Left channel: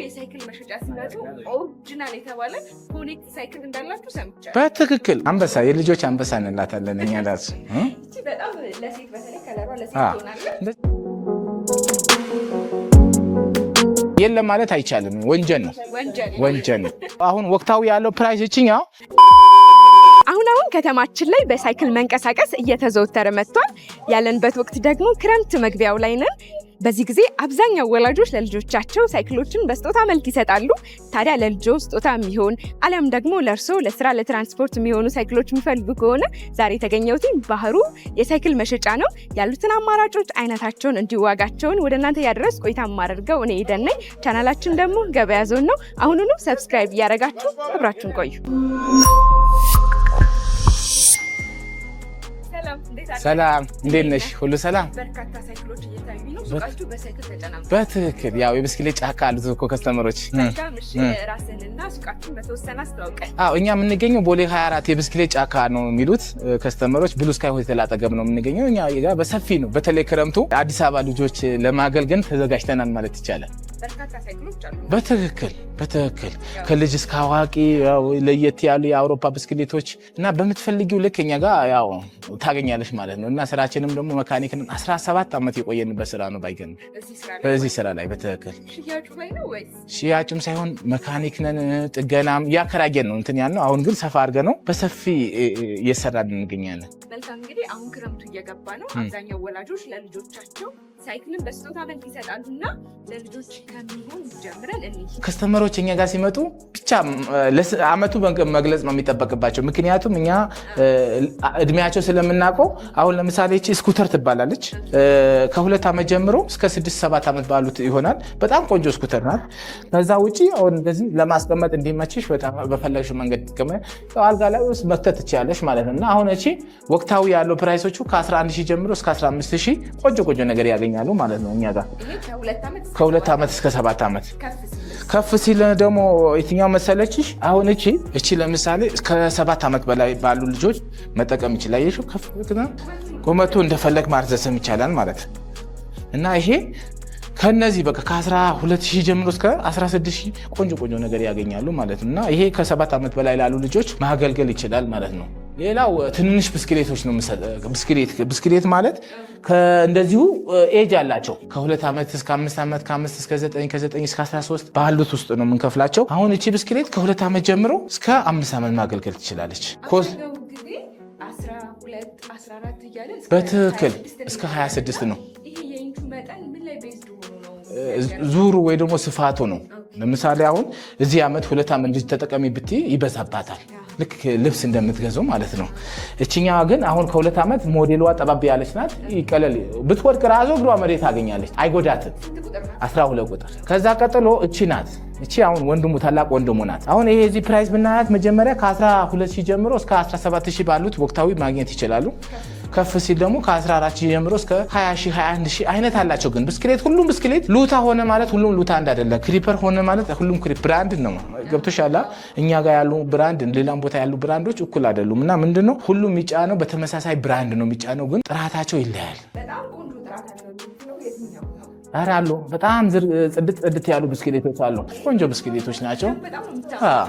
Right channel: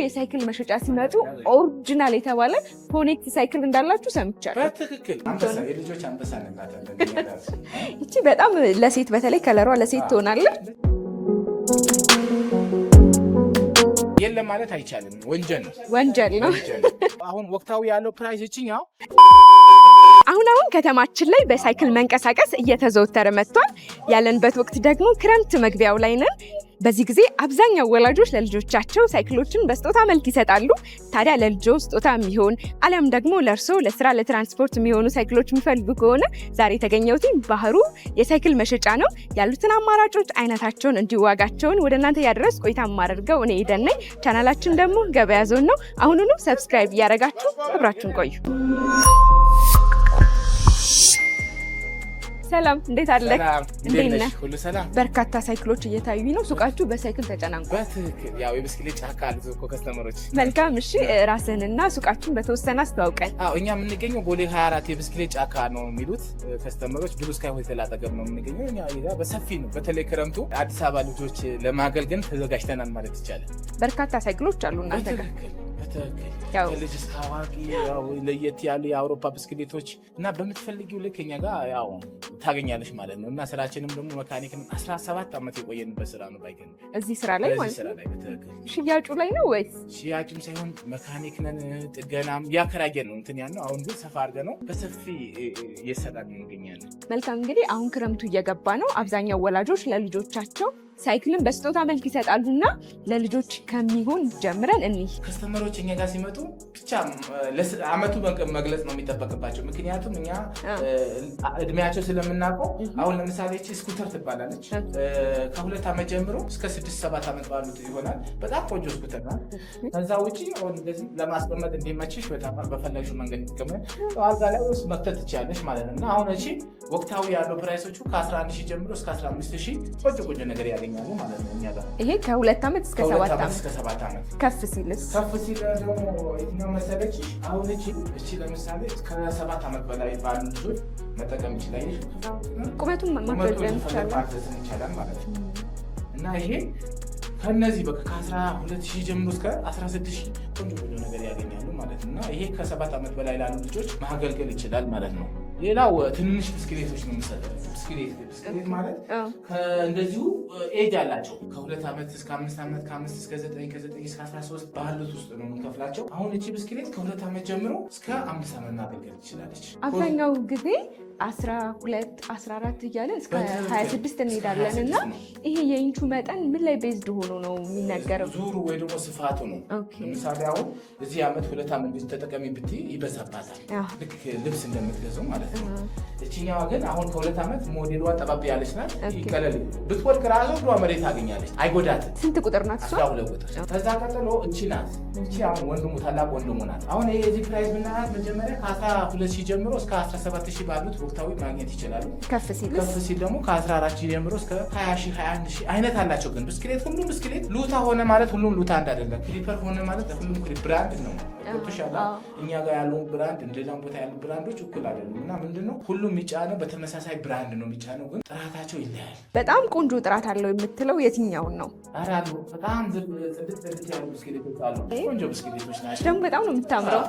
የሳይክል መሸጫ ሲመጡ ኦሪጂናል የተባለ ኮኔክት ሳይክል እንዳላችሁ ሰምቻለሁ። በትክክል አንበሳ፣ የልጆች አንበሳ እንላታለን እኛ ራሱ። እቺ በጣም ለሴት በተለይ ከለሯ ለሴት ትሆናለች። የለም ማለት አይቻልም፣ ወንጀል ነው። ወንጀል ነው። አሁን ወቅታዊ ያለው ፕራይስ እቺኛው አሁን ከተማችን ላይ በሳይክል መንቀሳቀስ እየተዘወተረ መጥቷል። ያለንበት ወቅት ደግሞ ክረምት መግቢያው ላይ ነን። በዚህ ጊዜ አብዛኛው ወላጆች ለልጆቻቸው ሳይክሎችን በስጦታ መልክ ይሰጣሉ። ታዲያ ለልጆ ስጦታ የሚሆን አሊያም ደግሞ ለእርሶ ለስራ ለትራንስፖርት የሚሆኑ ሳይክሎች የሚፈልጉ ከሆነ ዛሬ የተገኘሁት ባህሩ የሳይክል መሸጫ ነው። ያሉትን አማራጮች አይነታቸውን እንዲዋጋቸውን ወደ እናንተ ያደረስ ቆይታ ማደርገው እኔ ኤደን ነኝ። ቻናላችን ደግሞ ገበያ ዞን ነው። አሁኑኑ ሰብስክራይብ እያደረጋችሁ አብራችሁን ቆዩ። ሰላም፣ እንዴት አለ? ሰላም፣ እንዴት ነሽ? ሁሉ ሰላም። በርካታ ሳይክሎች እየታዩኝ ነው። ሱቃችሁ በሳይክል ተጨናንቋል። በትክክል ያው የብስክሌት ጫካ አሉት እኮ ከስተመሮች። መልካም። እሺ፣ ራስህንና ሱቃችሁን በተወሰነ አስተዋውቀን። እኛ የምንገኘው ቦሌ 24 የብስክሌት ጫካ ነው የሚሉት ከስተመሮች። ብሉ ስካይ ሆቴል አጠገብ ነው የምንገኘው። እኛ ጋር በሰፊ ነው። በተለይ ክረምቱ አዲስ አበባ ልጆች ለማገልገል ተዘጋጅተናል ማለት ይቻላል። በርካታ ሳይክሎች አሉ። በትክክል ከልጅ እስከ አዋቂ ለየት ያሉ የአውሮፓ ብስክሌቶች እና በምትፈልጊው ልክ እኛ ጋር ያው ታገኛለሽ ማለት ነው። እና ስራችንም ደግሞ መካኒክን 17 ዓመት የቆየንበት ስራ ነው። ባይገን በዚህ ስራ ላይ በትክክል ሽያጩ ላይ ነው ወይስ? ሽያጩም ሳይሆን መካኒክነን ጥገናም ያከራየን ነው እንትን ያልነው። አሁን ግን ሰፋ አድርገን ነው በሰፊ እየሰራን እንገኛለን። መልካም። እንግዲህ አሁን ክረምቱ እየገባ ነው። አብዛኛው ወላጆች ለልጆቻቸው ሳይክልን በስጦታ መልክ ይሰጣሉና ለልጆች ከሚሆን ጀምረን ከስተመሮች እኛ ጋር ሲመጡ ብቻ ለአመቱ መግለጽ ነው የሚጠበቅባቸው። ምክንያቱም እኛ እድሜያቸው ስለምናውቀው አሁን ለምሳሌ እቺ ስኩተር ትባላለች። ከ2 ዓመት ጀምሮ እስከ 6-7 ዓመት ባሉት ይሆናል። በጣም ቆንጆ ስኩተር ናት። ከዛ ውጪ አሁን እንደዚህ ለማስቀመጥ እንዲመችሽ በጣም በፈለግሽው መንገድ አልጋ ላይ ውስጥ መክተት ትችላለሽ ማለት ነው። እና አሁን እቺ ወቅታዊ ያለው ፕራይሶቹ ከ11,000 ጀምሮ እስከ 15,000 ቆንጆ ነገር ያገኛሉ ማለት ነው። እኛ ጋር ይሄ ከ2 ዓመት እስከ 7 ዓመት ከፍ ሲል ደግሞ የትኛው መሰለችሽ? አሁን እቺ ለምሳሌ እስከ 7 ዓመት በላይ ባሉ ልጆች መጠቀም ይችላል። ይሄ ቁመቱ እንደፈለግ ማርዘስም ይቻላል ማለት ነው። እና ይሄ ከነዚህ በቃ ከ12,000 ጀምሮ እስከ 16,000 ቆንጆ ነገር ያገኛሉ ማለት ነው። እና ይሄ ከ7 ዓመት በላይ ላሉ ልጆች ማገልገል ይችላል ማለት ነው። ሌላው ትንንሽ ብስክሌቶች ነው። ብስክሌት ማለት እንደዚሁ ኤጅ አላቸው። ከ2 ዓመት እስከ 5 ዓመት፣ ከ5 እስከ 9፣ ከ9 እስከ 13 ባሉት ውስጥ ነው የምንከፍላቸው። አሁን እቺ ብስክሌት ከ2 ዓመት ጀምሮ እስከ 5 ዓመት ማገልገል ትችላለች። አብዛኛው ጊዜ 12፣ 14 እያለ እስከ 26 ነው። ይሄ የኢንቹ መጠን ምን ላይ ቤዝድ ሆኖ ነው የሚነገረው? ዙሩ ወይ ደግሞ ስፋቱ ነው። ለምሳሌ አሁን እዚህ ዓመት 2 ዓመት ልጅ ተጠቀሚ ብትይ ይበዛባታል። ልክ ልብስ እንደምትገዛው ማለት ነው። እችኛዋ ግን አሁን ከ2 ዓመት ሞዴሏ ጠባብ ያለች ናት። ይቀለል ብትወድቅ ራሱ እግሯ መሬት ታገኛለች፣ አይጎዳትም። ስንት ቁጥር ናት? 12 ቁጥር። ከዛ ቀጥሎ እቺ ናት። እቺ አሁን ታላቅ ወንድሙ ናት። አሁን ይሄ እዚህ ፕራይስ ብናያት መጀመሪያ ከ12,000 ጀምሮ እስከ 17,000 ባሉት ወቅታዊ ማግኘት ይችላሉ። ከፍ ሲል ደግሞ ከ14,000 ጀምሮ እስከ 20,000 21,000 አይነት አላቸው። ግን ብስክሌት ሁሉም ብስክሌት ሉታ ሆነ ማለት ሁሉም ሉታ እንዳይደለ፣ ክሪፐር ሆነ ማለት ሁሉም ብራንድ ነው። ገብቶሻል? እኛ ጋር ያሉ ብራንድ ሌላም ቦታ ያሉ ብራንዶች እኩል አይደሉም። እና ምንድነው ሁሉም የሚጫነው በተመሳሳይ ብራንድ ነው የሚጫነው፣ ግን ጥራታቸው ይለያል። በጣም ቆንጆ ጥራት አለው የምትለው የትኛውን ነው? ኧረ አሉ በጣም ጽድት ያሉ ብስክሌቶች አሉ። ቆንጆ ብስክሌቶች ናቸው። በጣም ነው የምታምረው።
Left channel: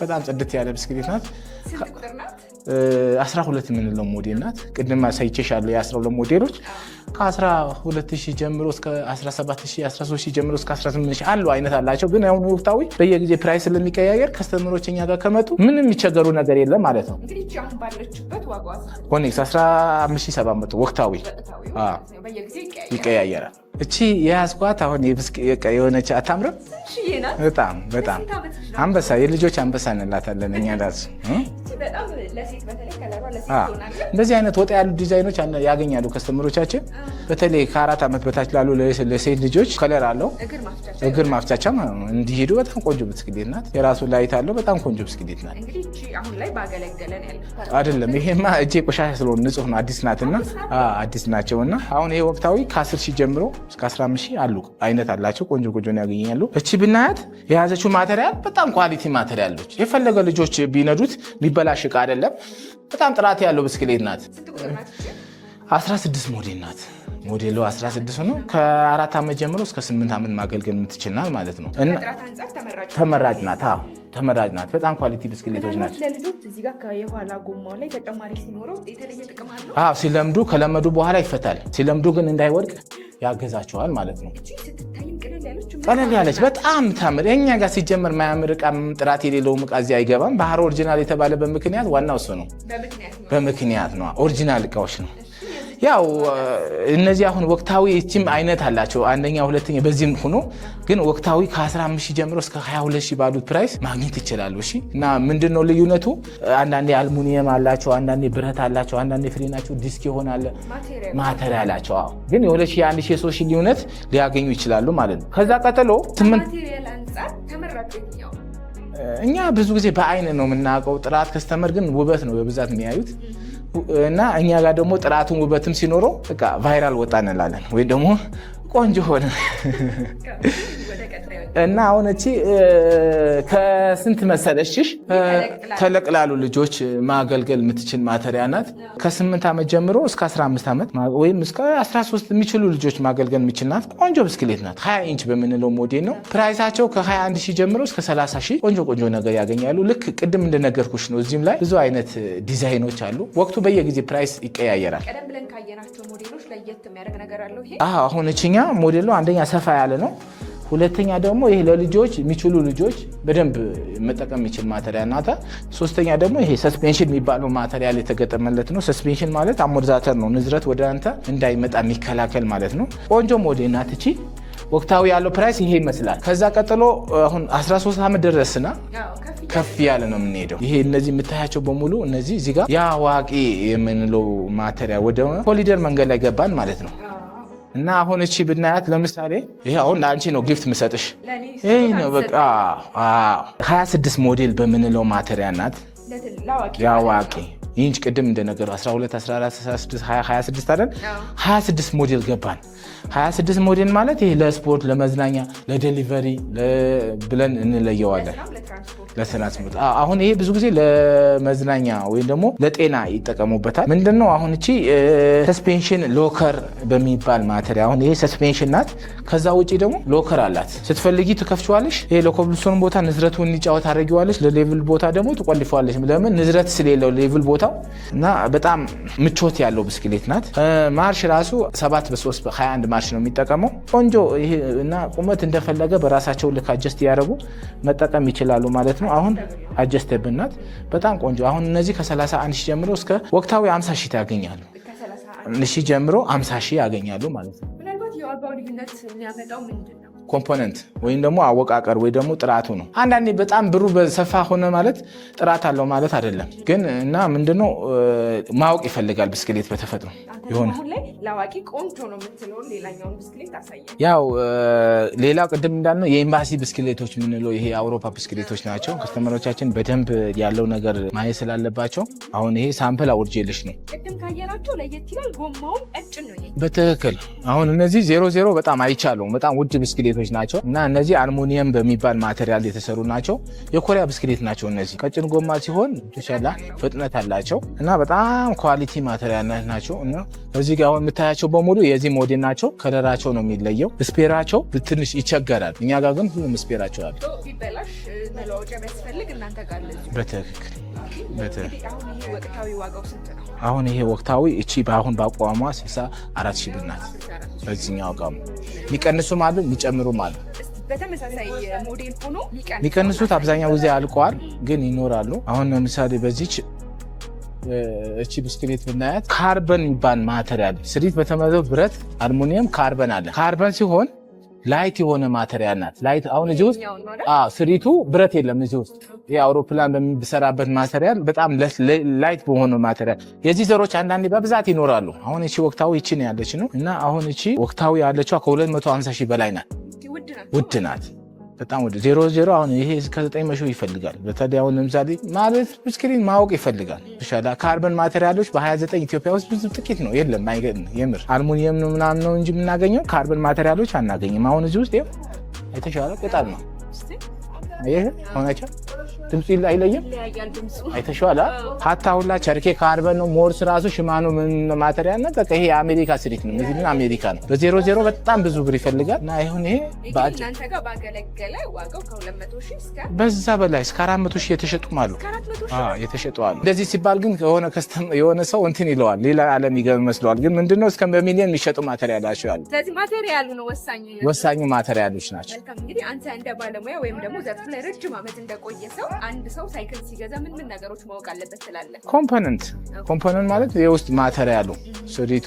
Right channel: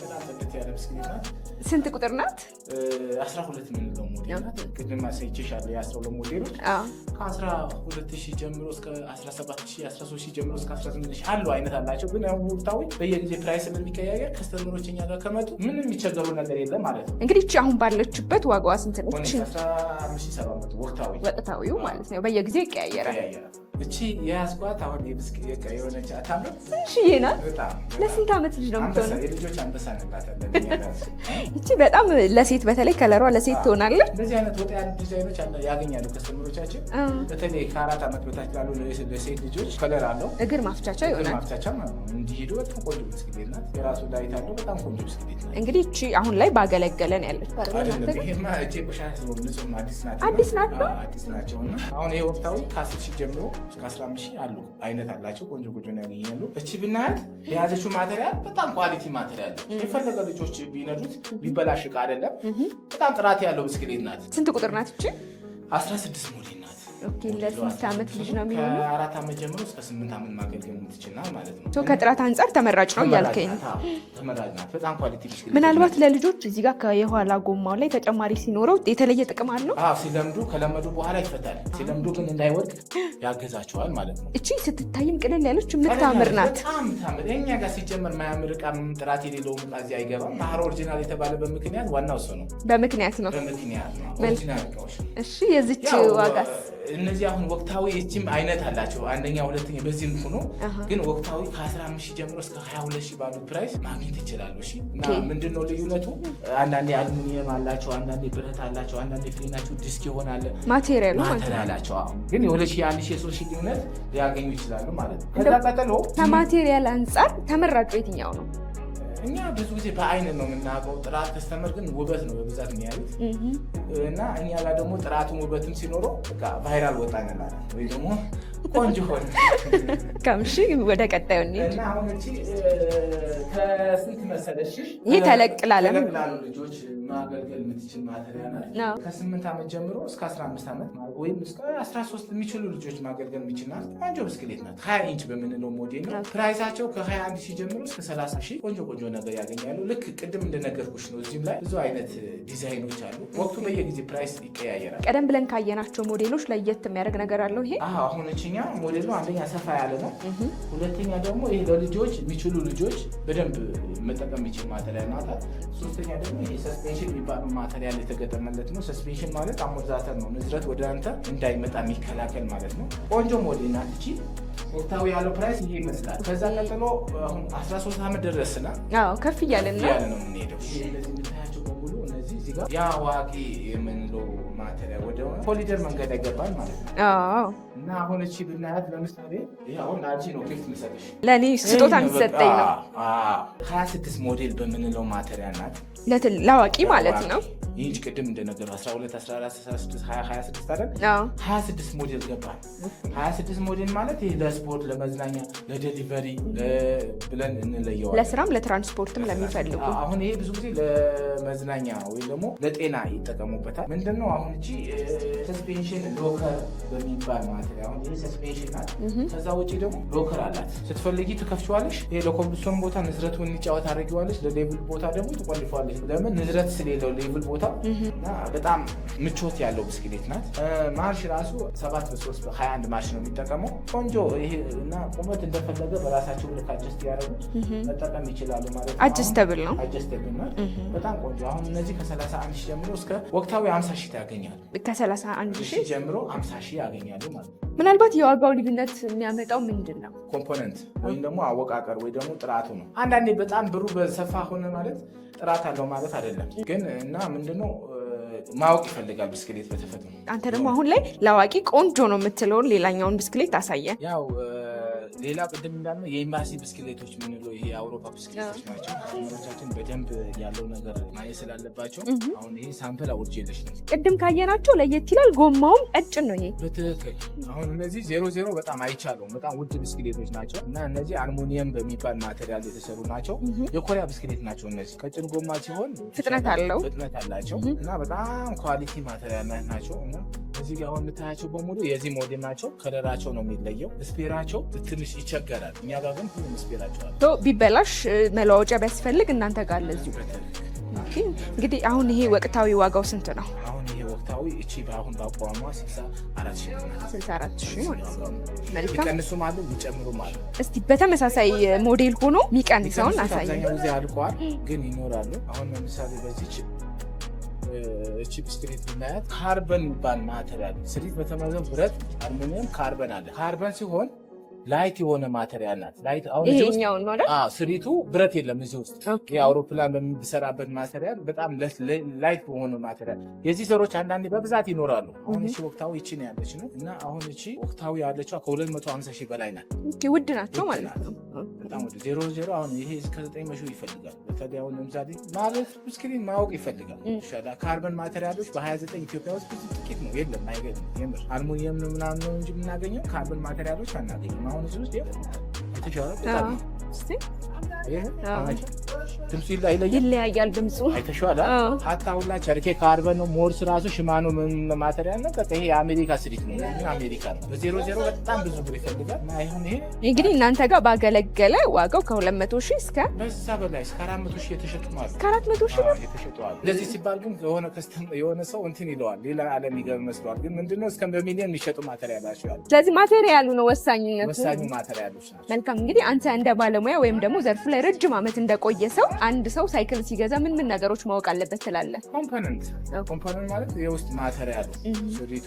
በጣም ጽድት ያለ ብስክሌት ናት። ስንት ቁጥር ናት? 12 የምንለው ሞዴል ናት። ቅድም አሳይቼሻለሁ የ12 ሞዴሎች ከ12,000 ጀምሮ እስከ 17,000 13,000 ጀምሮ እስከ 18,000 አሉ አይነት አላቸው። ግን አሁን ወቅታዊ በየጊዜ ፕራይስ ስለሚቀያየር ከስተመሮች እኛ ጋር ከመጡ ምንም የሚቸገሩ ነገር የለም ማለት ነው። እንግዲህ አሁን ባለችበት ዋጋዋ ስንት ነው? 15,700 ወቅታዊ ማለት ነው። በየጊዜው ይቀያየራል። እቺ የያዝኳት አሁን የሆነች አታምርም? በጣም አንበሳ፣ የልጆች አንበሳ እንላታለን እኛ ራሱ። እቺ በጣም ለሴት በተለይ ከለሯ ለሴት ትሆናለች። እንደዚህ አይነት ወጣ ያሉ ዲዛይኖች ያገኛሉ ከስተመሮቻችን። በተለይ ከ4 ዓመት በታች ላሉ ለሴት ልጆች ከለር አለው እግር ማፍቻቻ እንዲሄዱ በጣም ቆንጆ ብስክሌት ናት። የራሱ ላይት አለው። በጣም ቆንጆ ብስክሌት ናት። እንግዲህ እቺ አሁን ላይ ባገለገለን ያለች አይደለም። ይሄማ እጄ ቆሻሻ ስለሆነ ንጹህ ነው። አዲስ ናትና አዲስ ናቸውና አሁን ይሄ ወቅታዊ ከ10,000 ጀምሮ እስከ 15,000 አሉ አይነት አላቸው። ቆንጆ ነው ያገኛሉ። እቺ ብናያት የያዘችው ማቴሪያል በጣም ኳሊቲ ማቴሪያል ነው። የፈለገ ልጆች ቢነዱት የሚበላሽ ዕቃ አይደለም። በጣም ጥራት ያለው ብስክሌት ናት። ስንት ቁጥር ናት እቺ? 16 ሞዴል ናት። ሞዴሉ 16 ነው። ከ4 ዓመት ጀምሮ እስከ 8 ዓመት ማገልገል የምትችልናል ማለት ነው። ከጥራት አንጻር ተመራጭ ናት። ተመራጭ ናት። በጣም ኳሊቲ ብስክሌት። ምናልባት ለልጆች እዚህ ጋር የኋላ ጎማው ላይ ተጨማሪ ሲኖረው የተለየ ጥቅም አለው? ሲለምዱ ከለመዱ በኋላ ይፈታል። ሲለምዱ ግን እንዳይወድቅ ያገዛቸዋል ማለት ነው። እቺ ስትታይም ቅልል ያለች በጣም ታምር። የኛ ጋር ሲጀመር ማያምር ዕቃ ጥራት የሌለው ዕቃ እዚህ አይገባም። ባህር ኦሪጂናል የተባለበት ምክንያት ዋናው እሱ ነው። በምክንያት ነው። ኦሪጂናል ዕቃዎች ነው። ያው እነዚህ አሁን ወቅታዊ እቺም አይነት አላቸው። አንደኛ፣ ሁለተኛ በዚህም ሆኖ ግን ወቅታዊ ከ15 ሺህ ጀምሮ እስከ 22 ሺህ ባሉት ፕራይስ ማግኘት ይችላሉ። እሺ። እና ምንድነው ልዩነቱ? አንዳንዴ አልሙኒየም አላቸው፣ አንዳንዴ ብረት አላቸው፣ አንዳንዴ ፍሬናቸው ዲስክ ይሆናል ማቴሪያላቸው። ግን የ2000 የ3000 ልዩነት ሊያገኙ ይችላሉ ማለት ነው። ከዛ ቀጥሎ ከማቴሪያል አንጻር ተመራጩ የትኛው ነው? እኛ ብዙ ጊዜ በአይን ነው የምናውቀው። ጥራት ከስተመር ግን ውበት ነው በብዛት የሚያዩት እና እኛ ጋር ደግሞ ጥራቱን ውበትም ሲኖረው በቃ ቫይራል ወጣ እንላለን ወይ ደግሞ ቆንጆ ሆነ። ወደ ቀጣዩ እና አሁን እቺ ከስንት መሰለሽሽ ተለቅላሉ ልጆች ማገልገል የምትችል ማተሪያ ናት። ከ8 ዓመት ጀምሮ እስከ 15 ዓመት ወይም እስከ 13 የሚችሉ ልጆች ማገልገል የሚችል ናት። ቆንጆ ብስክሌት ናት። 20 ኢንች በምንለው ሞዴል ነው። ፕራይሳቸው ከ21 ሺህ ጀምሮ እስከ 30 ሺህ ቆንጆ ነገር ያገኛሉ። ልክ ቅድም እንደነገርኩሽ ነው። እዚህም ላይ ብዙ አይነት ዲዛይኖች አሉ። ወቅቱ በየጊዜ ፕራይስ ይቀያየራል። ቀደም ብለን ካየናቸው ሞዴሎች ለየት የሚያደርግ ነገር አለው ይሄ? አሁን እችኛ ሞዴሉ አንደኛ ሰፋ ያለ ነው። ሁለተኛ ደግሞ ይሄ ለልጆች የሚችሉ ልጆች በደንብ መጠቀም የሚችል ማተሪያል ናት። ሶስተኛ ደግሞ ይሄ ሰስፔንሽን የሚባለው ማተሪያል የተገጠመለት ነው። ሰስፔንሽን ማለት አሞርዛተር ነው። ንዝረት ወደ አንተ እንዳይመጣ የሚከላከል ማለት ነው። ቆንጆ ሞዴል ናት እቺ። ወቅታዊ ያለው ፕራይስ ይሄ ይመስላል። ከዛ ቀጥሎ አሁን 13 ዓመት ደረስና ከፍ ያለ ነው የምንሄደው። ይሄ እነዚህ የምታያቸው በሙሉ እነዚህ እዚህ ጋር የአዋቂ የምንለው ማተሪያ ወደ ኮሊደር መንገድ ላይ ገባን ማለት ነው። እና አሁን እቺ ብናያት ለምሳሌ ይሄ አሁን ለአንቺ ነው ጊፍት ምሰጥሽ፣ ለኔ ስጦታ ይሰጠኝ። 26 ሞዴል በምንለው ማተሪያ ናት። ለአዋቂ ማለት ነው። ይህንች ቅድም እንደነገሩ 12 14 16 20 26 አይደል? 26 ሞዴል ገባን። 26 ሞዴል ማለት ይሄ ለስፖርት፣ ለመዝናኛ፣ ለዴሊቨሪ ብለን እንለየዋለን። ለስራም ለትራንስፖርት። አሁን ይሄ ብዙ ጊዜ ለመዝናኛ ወይም ደግሞ ለጤና ይጠቀሙበታል። ምንድነው አሁን እቺ ሰስፔንሽን ሎከር በሚባል ማተሪያ አሁን ይሄ ሰስፔንሽን ናት። ከዛ ውጪ ደግሞ ሎከር አላት። ስትፈልጊ ትከፍችዋለሽ። ይሄ ለኮብልስቶን ቦታ ንዝረቱን እንዲጫወት አድርጊዋለሽ። ለሌቭል ቦታ ደግሞ ትቆልፈዋለሽ። ለምን ንዝረት ስለሌለው ሌቭል ቦታው እና በጣም ምቾት ያለው ብስክሌት ናት። ማርሽ ራሱ 7 በ3 በ21 ማርሽ ነው የሚጠቀመው። ቆንጆ ይሄ እና ቁመት እንደፈለገ በራሳቸው ልክ አጀስት ያደረጉ መጠቀም ይችላሉ ማለት ነው። አሁን አጀስተብል ናት። በጣም ቆንጆ። አሁን እነዚህ ከ31 ሺህ ጀምሮ እስከ ወቅታዊ 50 ሺህ ያገኛሉ። ከ31 ሺህ ጀምሮ 50 ሺህ ያገኛሉ ማለት ነው። ምናልባት የዋጋው ልዩነት የሚያመጣው ምንድን ነው? ኮምፖነንት ወይም ደግሞ አወቃቀር ወይ ደግሞ ጥራቱ ነው። አንዳንዴ በጣም ብሩ በሰፋ ሆነ ማለት ጥራት አለው ማለት አይደለም። ግን እና ምንድነው ማወቅ ይፈልጋል ብስክሌት በተፈጥሮ። አንተ ደግሞ አሁን ላይ ለአዋቂ ቆንጆ ነው የምትለውን ሌላኛውን ብስክሌት አሳየን። ያው ሌላው ቅድም እንዳልነው የኤምባሲ ብስክሌቶች የምንለው ይሄ አውሮፓ ብስክሌቶች ናቸው። ከስተመሮቻችን በደንብ ያለው ነገር ማየት ስላለባቸው አሁን ይሄ ሳምፕል አውርጄልሽ ነው። ቅድም ካየናቸው ለየት ይላል። ጎማውም ቀጭን ነው። ይሄ በትክክል አሁን እነዚህ 00 በጣም አይቻለሁ። በጣም ውድ ብስክሌቶች ናቸው እና እነዚህ አልሙኒየም በሚባል ማቴሪያል የተሰሩ ናቸው። የኮሪያ ብስክሌት ናቸው። እነዚህ ቀጭን ጎማ ሲሆን ፍጥነት አላቸው እና በጣም ኳሊቲ ማቴሪያል ናቸው። እና እዚህ ጋር አሁን የምታያቸው በሙሉ የዚህ ሞዴል ናቸው። ከለራቸው ነው የሚለየው። ስፔራቸው ትንሽ ይቸገራል። እኛ ጋር ግን ሁሉም ስፔራቸው አለ። ቢበላሽ መለዋወጫ ቢያስፈልግ እናንተ ጋር አለ። በትክክል። እንግዲህ አሁን ይሄ ወቅታዊ ዋጋው ስንት ነው? አሁን ይሄ ወቅታዊ እቺ በአሁን በአቋሟ 64 ሺህ ብር ናት። በዚህኛው ዋጋው የሚቀንሱም አሉ የሚጨምሩም አሉ። እስቲ በተመሳሳይ ሞዴል ሆኖ የሚቀንሱት አብዛኛው ጊዜ አልቀዋል፣ ግን ይኖራሉ። አሁን ለምሳሌ በዚች እቺ ብስክሌት ብናያት ካርበን የሚባል ማተሪያል ስሪት በተመዘው ብረት አልሙኒየም ካርበን አለ። ካርበን ሲሆን ላይት የሆነ ማተሪያል ናት። ላይት አሁን እዚህ ውስጥ ስሪቱ ብረት የለም። እዚህ ውስጥ የአውሮፕላን በሚሰራበት ማተሪያል በጣም ላይት በሆነ ማተሪያል የዚህ ዘሮች አንዳንዴ በብዛት ይኖራሉ። አሁን እቺ ወቅታዊ እቺ ነው ያለች ነው እና አሁን እቺ ወቅታዊ ያለችው ከ250 ሺህ በላይ ናት። ውድ ናት። በጣም ወደ 00 አሁን ይሄ እስከ 900 ይፈልጋል። በተለይ አሁን ለምሳሌ ማለት ብስክሌት ማወቅ ይፈልጋል። ተሻላ ካርበን ማቴሪያሎች በ29 ኢትዮጵያ ውስጥ ብዙ ጥቂት ነው፣ የለም። አይገርም። የምር አልሙኒየም ነው ምናምን ነው እንጂ የምናገኘው ካርበን ማቴሪያሎች አናገኝም። አሁን እዚህ ውስጥ የተሻለ በጣም ነው። ይሄ ሆነቻ ድምጽ ይለያያል ድምጹ አይተሽዋል ሀታ ሁላ ቸርኬ ካርበን ነው ሞርስ ራሱ ሽማኖ ምን ማቴሪያል ነው በቃ ይሄ አሜሪካ ሲሪክ ነው እዚህ አሜሪካ ነው በ00 በጣም ብዙ ብር ይፈልጋል እና ይሁን ይሄ እንግዲህ እናንተ ጋር ባገለገለ ዋጋው ከ200,000 እስከ በዛ በላይ እስከ 400,000 የተሸጡ ማለት 400,000 የተሸጡ አሉ እንደዚህ ሲባል ግን የሆነ ሰው እንትን ይለዋል ሌላ ዓለም ይገርም መስሏል ግን ምንድነው እስከ በሚሊዮን የሚሸጡ ማቴሪያሎች አሉ ስለዚህ ማቴሪያሉ ነው ወሳኙ ማቴሪያሎች ናቸው መልካም እንግዲህ አንተ እንደ ባለሙያ ወይም ደግሞ ዘርፍ ላይ ረጅም ዓመት እንደቆየ ሰው አንድ ሰው ሳይክል ሲገዛ ምን ነገሮች ማወቅ አለበት ትላለህ ኮምፖነንት ማለት የውስጥ ማቴሪያሉ ሶዲቱ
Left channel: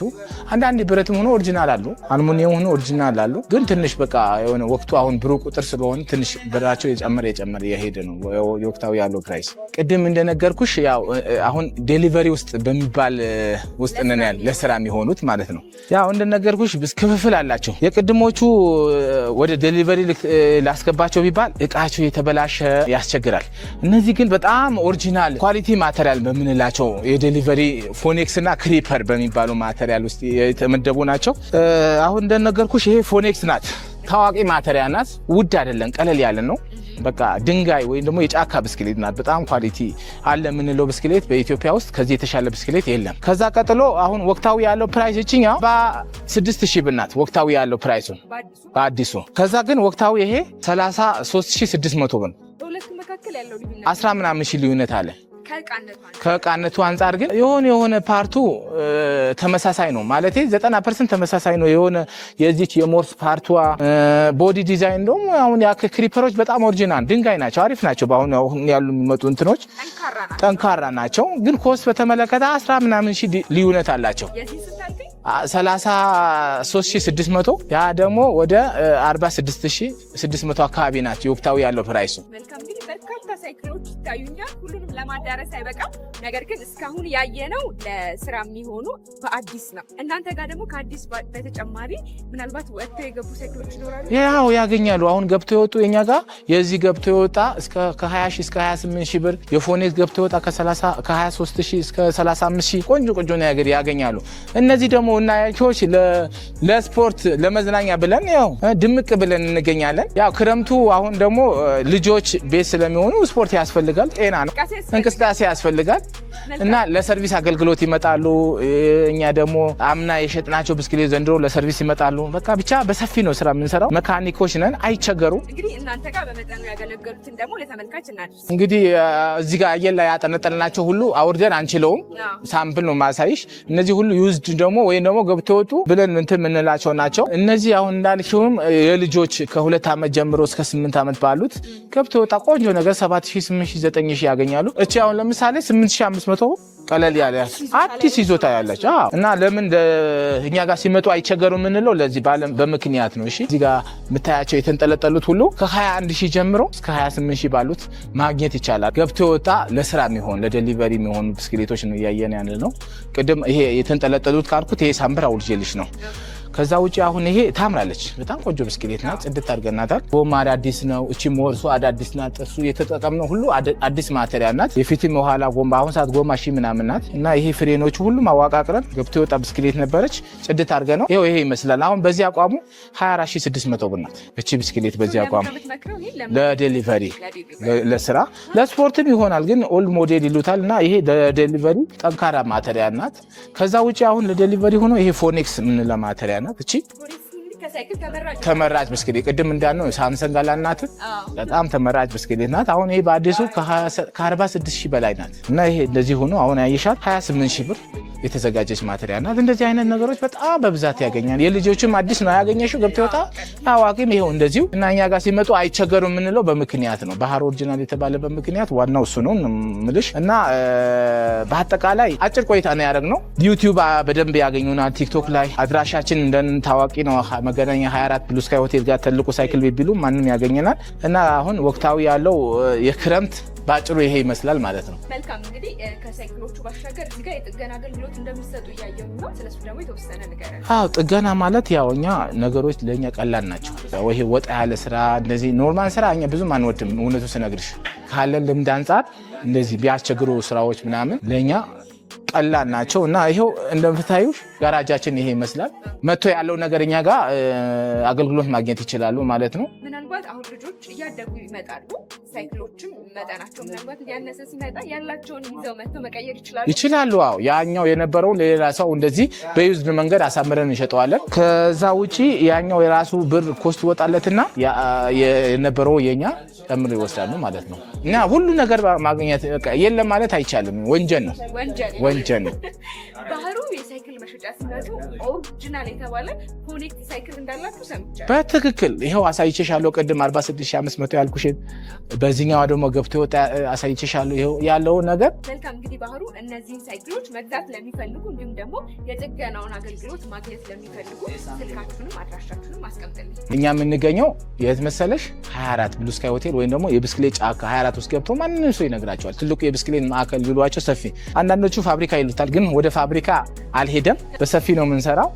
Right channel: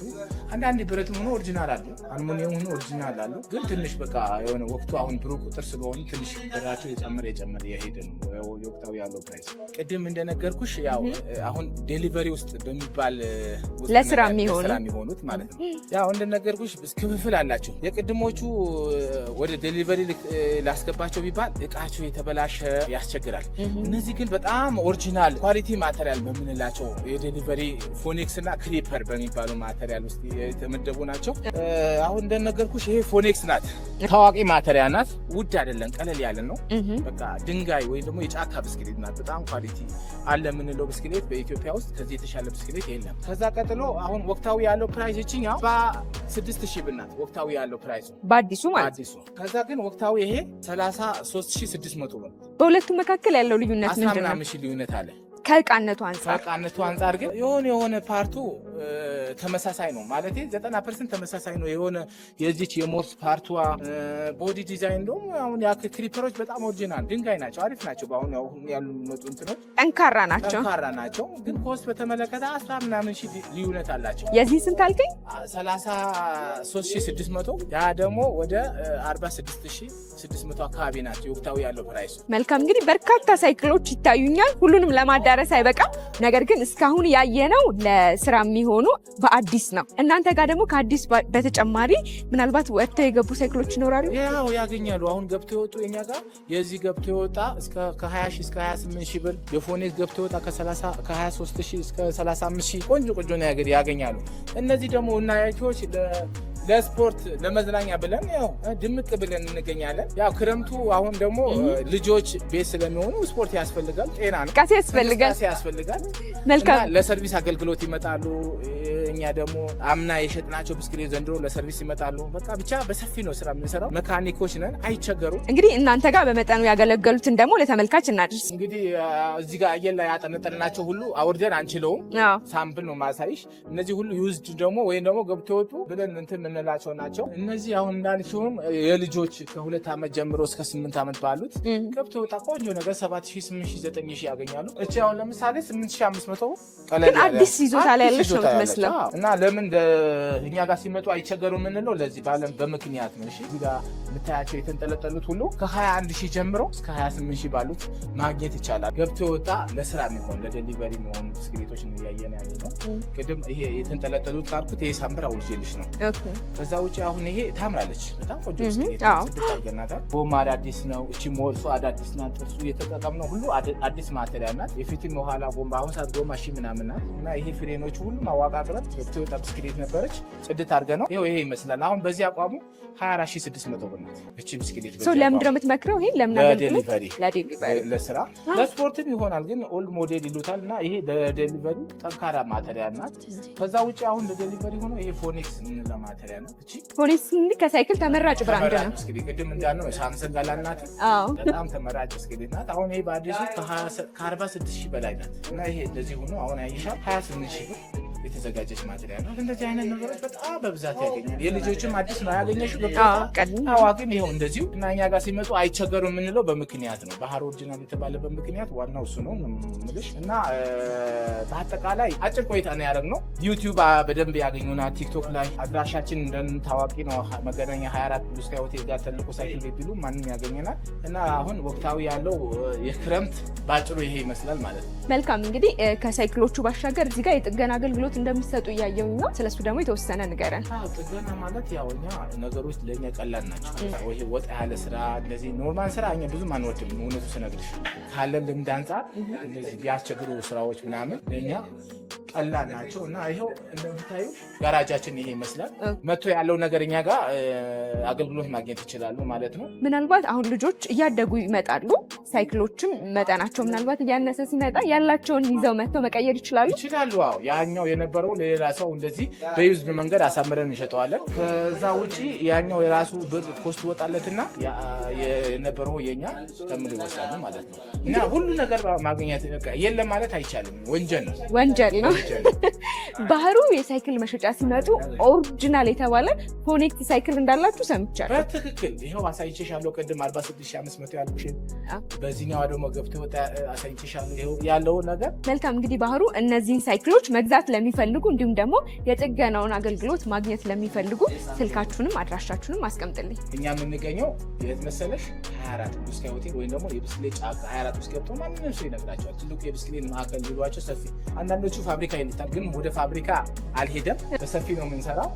አንዳንድ ብረትም ሆኖ ኦሪጂናል አሉ አልሙኒየም ሆኖ ኦሪጂናል አሉ ግን ትንሽ በቃ የሆነ ወቅቱ አሁን ብሩ ቁጥር ስለሆነ ትንሽ ብራቸው የጨመረ የሄደ ነው የወቅታው ያለው ፕራይስ ቅድም እንደነገርኩሽ ያው አሁን ዴሊቨሪ ውስጥ በሚባል ውስጥ ለስራ የሚሆኑት ማለት ነው ያው እንደነገርኩሽ ክፍፍል አላቸው የቅድሞቹ ወደ ዴሊቨሪ ላስገባቸው ቢባል እቃቸው የተበላሸ ያስቸግራል እነዚህ ግን በጣም ኦሪጂናል ኳሊቲ ማቴሪያል በምንላቸው የዴሊቨሪ ፎኔክስ እና ክሪፐር በሚባሉ ማቴሪያል ውስጥ የተመደቡ ናቸው አሁን እንደነገርኩሽ ይሄ ፎኔክስ ናት ታዋቂ ማቴሪያል ናት ውድ አይደለም ቀለል ያለ ነው በቃ ድንጋይ ወይ ደግሞ የጫካ ብስክሌት ናት በጣም ኳሊቲ አለ ምንለው ብስክሌት በኢትዮጵያ ውስጥ ከዚህ የተሻለ ብስክሌት የለም ከዛ ቀጥሎ አሁን ወቅታዊ ያለው ፕራይስ እቺኛው 6000 ብር ናት ወቅታዊ ያለው ፕራይሱ በአዲሱ ከዛ ግን ወቅታዊ ይሄ 33600 ብር በሁለቱ መካከል ያለው ልዩነት 10 ምናምን ሺህ ልዩነት አለ ከቃነቱ አንፃር ግን የሆነ ፓርቱ ተመሳሳይ ነው ማለት 90% ተመሳሳይ ነው የሆነ የዚች የሞርስ ፓርቷ ቦዲ ዲዛይን ደግሞ አሁን ያ ክሪፐሮች በጣም ኦሪጂናል ድንጋይ ናቸው አሪፍ ናቸው በአሁን ያሉ የሚመጡ እንትኖች ጠንካራ ናቸው ግን ኮስት በተመለከተ 10 ምናምን ሺህ ልዩነት አላቸው የዚህ ስንት አልከኝ 33600 ያ ደግሞ ወደ 46600 አካባቢ ናቸው ወቅታዊ ያለው ፕራይሱ መልካም እንግዲህ በርካታ ሳይክሎች ይታዩኛል ሁሉንም ለማዳረስ አይበቃም ነገር ግን እስካሁን ያየነው ለስራ የሚሆኑ በአዲስ ነው እናንተ ጋር ደግሞ ከአዲስ በተጨማሪ ምናልባት ወጥተው የገቡ ሳይክሎች ይኖራሉ ያው ያገኛሉ አሁን ገብተው የወጡ የኛ ጋር የዚህ ገብተው የወጣ እስከ ከ20 ሺህ እስከ 28 ሺህ ብር የፎኔክስ ገብተው የወጣ ከ23 ሺህ እስከ 35 ሺህ ቆንጆ ነገር ያገኛሉ እነዚህ ደግሞ እናያቸውሽ ለስፖርት ለመዝናኛ ብለን ያው ድምቅ ብለን እንገኛለን ያው ክረምቱ አሁን ደግሞ ልጆች ቤት ስለሚሆኑ ስፖርት ያስፈልጋል ጤና ነው እንቅስቃሴ ያስፈልጋል እና ለሰርቪስ አገልግሎት ይመጣሉ እኛ ደግሞ አምና የሸጥናቸው ብስክሌት ዘንድሮ ለሰርቪስ ይመጣሉ በቃ ብቻ በሰፊ ነው ስራ የምንሰራው መካኒኮች ነን አይቸገሩ እንግዲህ እናንተ ጋር በመጠኑ ያገለገሉትን ደግሞ ለተመልካች እናድርስ እንግዲህ እዚህ ጋር አየር ላይ ያጠነጠልናቸው ሁሉ አውርደን አንችለውም ሳምፕል ነው ማሳይሽ እነዚህ ሁሉ ዩዝድ ደግሞ ወይም ደግሞ ገብተወጡ ብለን እንትን የምንላቸው ናቸው እነዚህ አሁን እንዳልሽውም የልጆች ከ2 ዓመት ጀምሮ እስከ 8 ዓመት ባሉት ገብተወጣ ቆንጆ ነገር 7000 8000 9000 ያገኛሉ እቺ አሁን ለምሳሌ 8500 ቀለል ያለ አዲስ ይዞታ ያለች እና ለምን እኛ ጋር ሲመጡ አይቸገሩ ምንለው ለዚህ በምክንያት ነው እሺ እዚህ ጋር የምታያቸው የተንጠለጠሉት ሁሉ ከ21000 ጀምሮ እስከ 28000 ባሉት ማግኘት ይቻላል ገብቶ ወጣ ለስራ የሚሆን ለዴሊቨሪ የሚሆኑ ብስክሌቶች ነው ያየን ያለ ነው ቅድም ይሄ የተንጠለጠሉት ካልኩት ይሄ ሳምብራ ውልጅልሽ ነው ከዛ ውጪ አሁን ይሄ ታምራለች በጣም ቆንጆ ብስክሌት ነው ጽድት አድርገናታል ጎማ አዳዲስ ነው እቺ ሞርሱ አዳዲስ ናት እሱ የተጠቀምነው ሁሉ አዲስ ማቴሪያል ናት የፊትም የኋላ ጎማ አሁን ሰዓት ጎማ ሺ ምናምን ናት እና ይሄ ፍሬኖቹ ሁሉ ማዋቃቅረን ገብቶ የወጣ ብስክሌት ነበረች ጽድት አድርገን ነው ይሄ ይመስላል አሁን በዚህ አቋሙ 24600 ብር ናት እቺ ብስክሌት በዚህ አቋሙ ለዴሊቨሪ ለስራ ለስፖርትም ይሆናል ግን ኦልድ ሞዴል ይሉታል እና ይሄ ለዴሊቨሪ ጠንካራ ማቴሪያል ናት ከዛ ውጪ አሁን ለዴሊቨሪ ሆኖ ይሄ ፎኔክስ ምን ለማቴሪያል ናት እቺ ፎኔክስ ከሳይክል ተመራጭ ብስክሌት ቅድም እንዳልነው ሳምሰንግ አላናት በጣም ተመራጭ ብስክሌት ናት አሁን ይሄ በአዲሱ ከ46000 በላይ ናት እና ይሄ እንደዚህ ሆኖ አሁን ያይሻል 28000 ብር የተዘጋጀች ማቴሪያል ናት እንደዚህ አይነት ነገሮች በጣም በብዛት ያገኛል የልጆችም አዲስ ነው ያገኘሽው ገብቶታ አዋቂም ይሄው እንደዚሁ እና እኛ ጋር ሲመጡ አይቸገሩ የምንለው በምክንያት ነው ባህር ኦሪጂናል የተባለ በምክንያት ዋናው እሱ ነው ምልሽ እና በአጠቃላይ አጭር ቆይታ ነው ያደረግነው ዩቲዩብ በደንብ ያገኙናል ቲክቶክ ላይ አድራሻችን እንደን ታዋቂ ነው መገናኛ 24 ብሉ ስካይ ሆቴል ጋር ትልቁ ሳይክል ቤት ቢሉ ማንንም ያገኘናል እና አሁን ወቅታዊ ያለው የክረምት ባጭሩ ይሄ ይመስላል ማለት ነው መልካም እንግዲህ ከሳይክሎቹ ባሻገር እዚህ ጋር የጥገና አገልግሎት እንደምትሰጡ ያየው ነው ስለሱ ደግሞ የተወሰነ ንገረን ጥገና ማለት ያው እኛ ነገሮች ለኛ ቀላል ናቸው ወይ ወጣ ያለ ስራ እንደዚህ ኖርማል ስራ እኛ ብዙም አንወድም እውነቱ ስነግርሽ ካለን ልምድ አንፃር እንደዚህ ቢያስቸግሩ ስራዎች ምናምን ለኛ ቀላል ናቸው እና ይሄው እንደምታዩ ጋራጃችን ይሄ ይመስላል መጥቶ ያለው ነገርኛ ጋር አገልግሎት ማግኘት ይችላሉ ማለት ነው ምናልባት አሁን ልጆች እያደጉ ይመጣሉ ሳይክሎችም መጠናቸው ምናልባት እያነሰ ሲመጣ ያላቸውን ይዘው መጥተው መቀየር ይችላሉ። አዎ ያኛው የነበረው ለሌላ ሰው እንደዚህ በዩዝድ መንገድ አሳምረን እንሸጠዋለን። ከዛ ውጪ ያኛው የራሱ ብር ኮስት ወጣለትና የነበረው የኛ ተምር ይወስዳሉ ማለት ነው። እና ሁሉ ነገር ማግኘት የለም ማለት አይቻልም። ወንጀል ነው። ባህሩ የሳይክል መሸጫ ሲመጡ ኦሪጂናል የተባለ ኮኔክት ሳይክል እንዳላችሁ ሰምቻለሁ። በትክክል ይኸው አሳይቼሻለሁ። ቅድም 46500 ያልኩሽን በዚህኛው ደግሞ ገብቶ ወጣ አሳይቼሻለሁ። ይኸው ያለው ነገር መልካም። እንግዲህ ባህሩ እነዚህን ሳይክሎች መግዛት ለሚፈልጉ እንዲሁም ደግሞ የጥገናውን አገልግሎት ማግኘት ለሚፈልጉ ስልካችሁንም አድራሻችሁንም አስቀምጥልኝ። እኛ የምንገኘው የት መሰለሽ 24 ብሉ ስካይ ሆቴል ወይም ደግሞ የብስክሌት ጫካ 24 ውስጥ ገብቶ ማንንም ሰው ይነግራቸዋል። ትልቁ የብስክሌት ማዕከል ብሏቸው ሰፊ፣ አንዳንዶቹ ፋብሪካ ይሉታል፣ ግን ወደ ፋብሪካ አልሄደም። በሰፊ ነው የምንሰራው።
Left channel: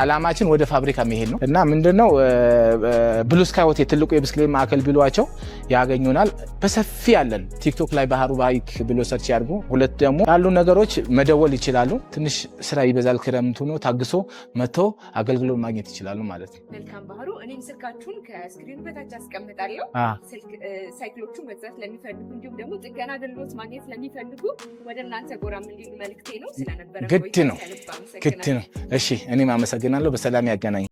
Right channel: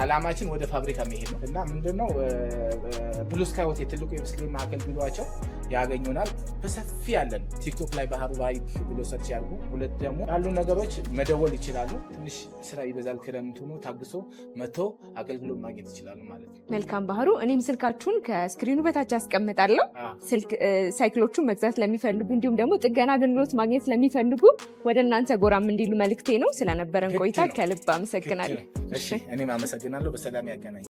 አላማችን ወደ ፋብሪካ መሄድ ነው እና ምንድነው ብሉ ስካይ ሆቴል ትልቁ የብስክሌት ማዕከል ብሏቸው ያገኙናል። በሰፊ ያለን ቲክቶክ ላይ ባህሩ ባይክ ብሎ ሰርች ያድርጉ። ሁለት ደግሞ ያሉ ነገሮች መደወል ይችላሉ። ትንሽ ስራ ይበዛል፣ ክረምቱ ነው፣ ታግሶ መጥቶ አገልግሎት ማግኘት ይችላሉ ማለት ነው። መልካም ባህሩ፣ እኔም ስልካችሁን ከስክሪኑ በታች አስቀምጣለሁ። ሳይክሎቹን መግዛት ለሚፈልጉ እንዲሁም ደግሞ ጥገና አገልግሎት ማግኘት ለሚፈልጉ ወደ እናንተ ጎራም እንዲሉ መልክቴ ነው። ስለነበረን ቆይታ ከልብ አመሰግናለሁ። እሺ፣ እኔም አመሰግናለሁ። በሰላም ያገናኝ።